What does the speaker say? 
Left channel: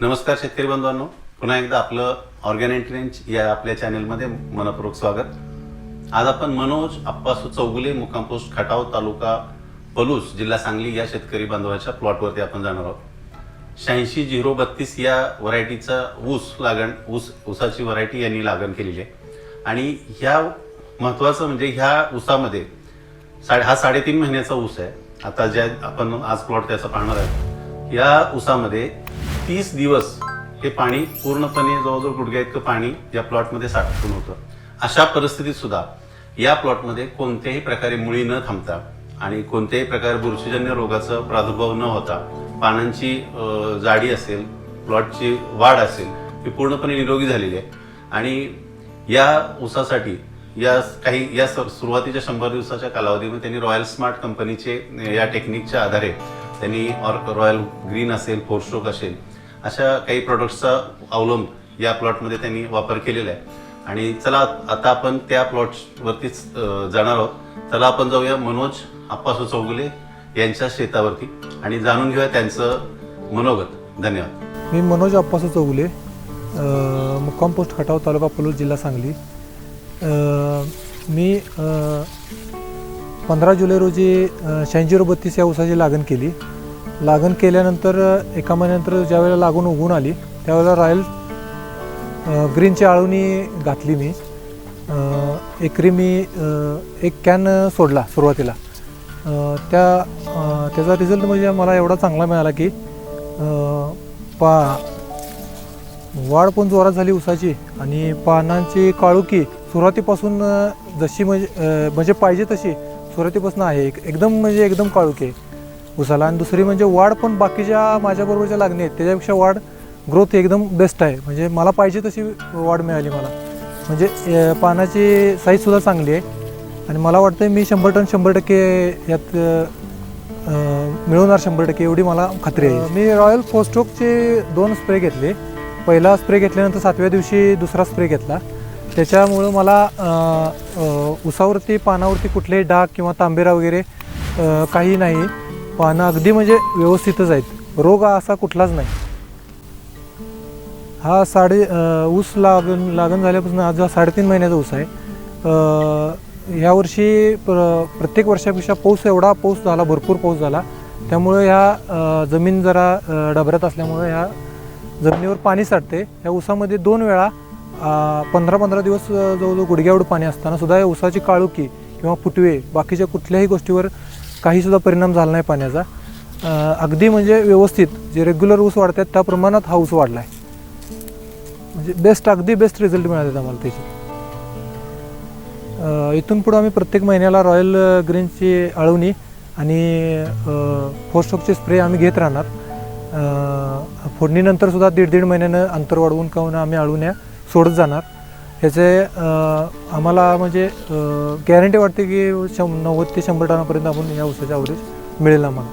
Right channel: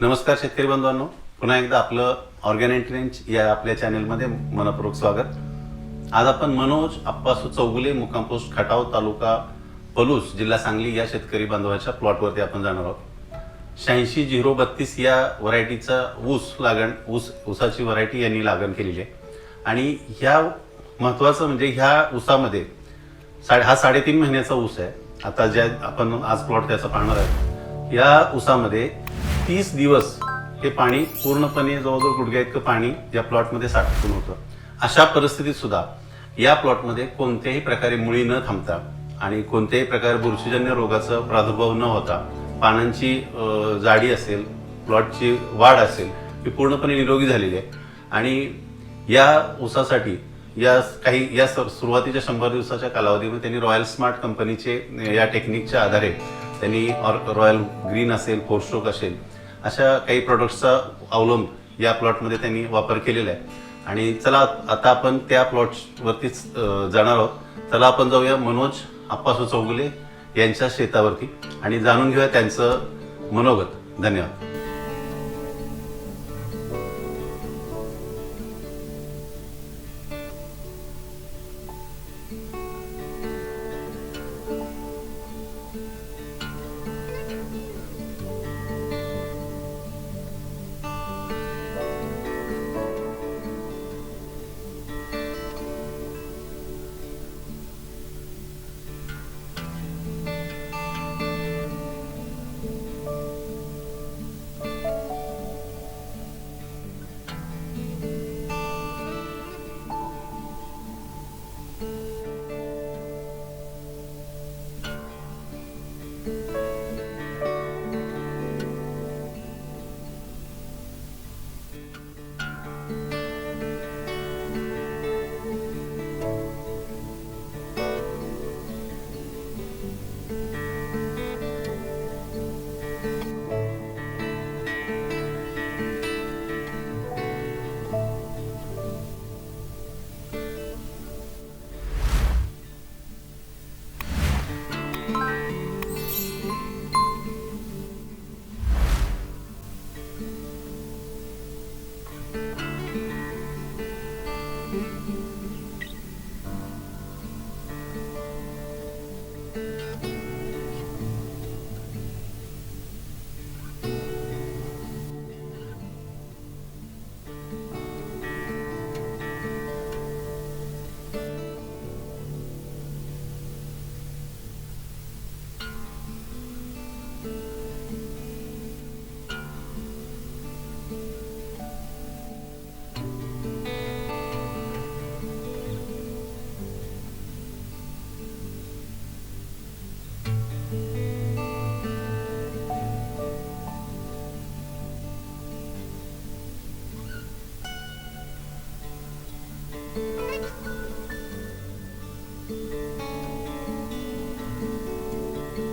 नमस्कार शेतकरी बंधूंनो, पुन्हा एकदा आपलं ऑर्गॅनिक रेंज या आपल्या चॅनलमध्ये मनपूर्वक स्वागत. आज आपण मनोज आप्पासू चौगुले, मुक्काम पोस्ट खटाव, तालुका पलूस, जिल्हा सांगली या शेतकरी बांधवाच्या प्लॉटवरती आपण जाणार आहोत. 86-032 या व्हरायटीचा ऊसाची व्हरायटी यांनी लागण केलेली आहे. आणि ह्या महत्वाचं म्हणजे ह्या ऊसामध्ये हा 3.5 महिन्याचा ऊस आहे. आता ज्या आपण आज प्लॉट त्याचा पाहणार आहे, या ऊसामध्ये 30 दिवस हे पाणी पूर्णपणे जवळजवळ गुडघ्या इतकं पाणी या प्लॉटमध्ये साठून होतं. अशा परिस्थितीत सुद्धा या प्लॉटमध्ये कोणत्याही प्रकारे मुळी न थांबता आणि कोणत्याही प्रकारे बुरशीजन्य रोगाचा प्रादुर्भाव न होता पानांची जाडी असेल, प्लॉटची वाढ असेल, ही पूर्णपणे निरोगी झालेली आहे. आणि या ऊसासाठी या सुरुवातीच्या 100 दिवसाच्या कालावधीमध्ये त्यांनी रॉयल स्मार्ट कंपनीचे या टेक्निकच्या आधारे त्यांनी रॉयल ग्रीन असेल, फोरस्ट्रोक असेल, अशा काही प्रोडक्ट्सचा अवलंब या प्लॉटमध्ये त्यांनी वापर केलेला आहे. आणि चला आता आपण त्या प्लॉटवरतीच जाणार आहोत. चला आपण जाऊया मनोज आप्पासू चौगुले यांच्या शेतावरती आणि जाणून घेऊया त्यांचं मनोगत. धन्यवाद. मी मनोज आप्पासू चौगुले, मुक्काम पोस्ट खटाव, तालुका पलूस, जिल्हा सांगली. मी 15 जुलै रोजी 86-032 या ऊसाची लागण केली. लागण केल्यानंतर एका महिन्यानंतर ज्यावेळेला लागून उगवून आली त्यावेळेला रॉयल ग्रीनची आळवणी घातली. मी एकरी एक कॅन सोडला सुरुवातीला. त्याचा रिझल्ट म्हणजे मला एवढा चांगला मिळाला की वाढ पण जोरात झाली ऊसाची आणि पानांची काळुकी सुरुवातीपासून जशी म्हणजे पाहिजे तशी सुरुवातीपासून आहे. एकदम काळुकी आहे ऊसाला. आणि दुसरी म्हणजे वाढ पण बाकीच्या माझ्याबरोबरच्या लागणी आहेत त्याच्यापेक्षा वाढ ग्रोथ एकदम बेस्ट आहे. म्हणजे मला पाहिजे तशी वाढ मिळाली मला. म्हणजे पानाची साईजसुद्धा चांगली आहे आणि मला वाटतं मी 100% यात मिळवणार 100% एवढी मला खात्री आहे. मी रॉयल फोरस्ट्रोकचे 2 स्प्रे घेतले. पहिला स्प्रे घेतल्यानंतर 7व्या दिवशी दुसरा स्प्रे घेतला. त्याच्यामुळं मला ऊसावरती पानावरती कुठलेही डाग किंवा तांबेरा वगैरे काही नाही. पानं अगदी म्हणजे व्यवस्थितच आहेत. रोग असा कुठलाच नाही. हा ऊस लागण झाल्यापासून आज 3.5 महिन्याचा ऊस आहे. यावर्षी प्रत्येक वर्षापेक्षा भरपूर पाऊस झाला. त्यामुळे ह्या जमीन जरा डबऱ्यात असल्यामुळे ह्या जमिनीवर पाणी साठते. या ऊसामध्ये 2 वेळा 15-15 दिवस जवळजवळ गुडघ्याएवढं पाणी असताना सुद्धा या ऊसाची काळुकी किंवा फुटवे बाकीच्या कुठल्याही गोष्टीवर काहीसुद्धा परिणाम झाला नाही पाण्याचा. अगदी म्हणजे व्यवस्थित जे रेग्युलर ऊस वाढतात त्या प्रमाणात हा ऊस वाढला आहे. म्हणजे अगदी बेस्ट रिझल्ट मिळाले आम्हाला त्याचे. इथून पुढं आम्ही प्रत्येक महिन्याला रॉयल ग्रीनची आळवणी आणि फोरस्ट्रोकचे स्प्रे आम्ही घेत राहणार. फोडणीनंतर सुद्धा 1.5 महिन्यानं अंतर वाढवून काहून आम्ही आळवण्या सोडत जाणार. ह्याचे आम्हाला म्हणजे गॅरंटी वाटते की 90 ते 100 टनापर्यंत आपण या ऊसाच्या ॲव्हरेज मिळेल आम्हाला.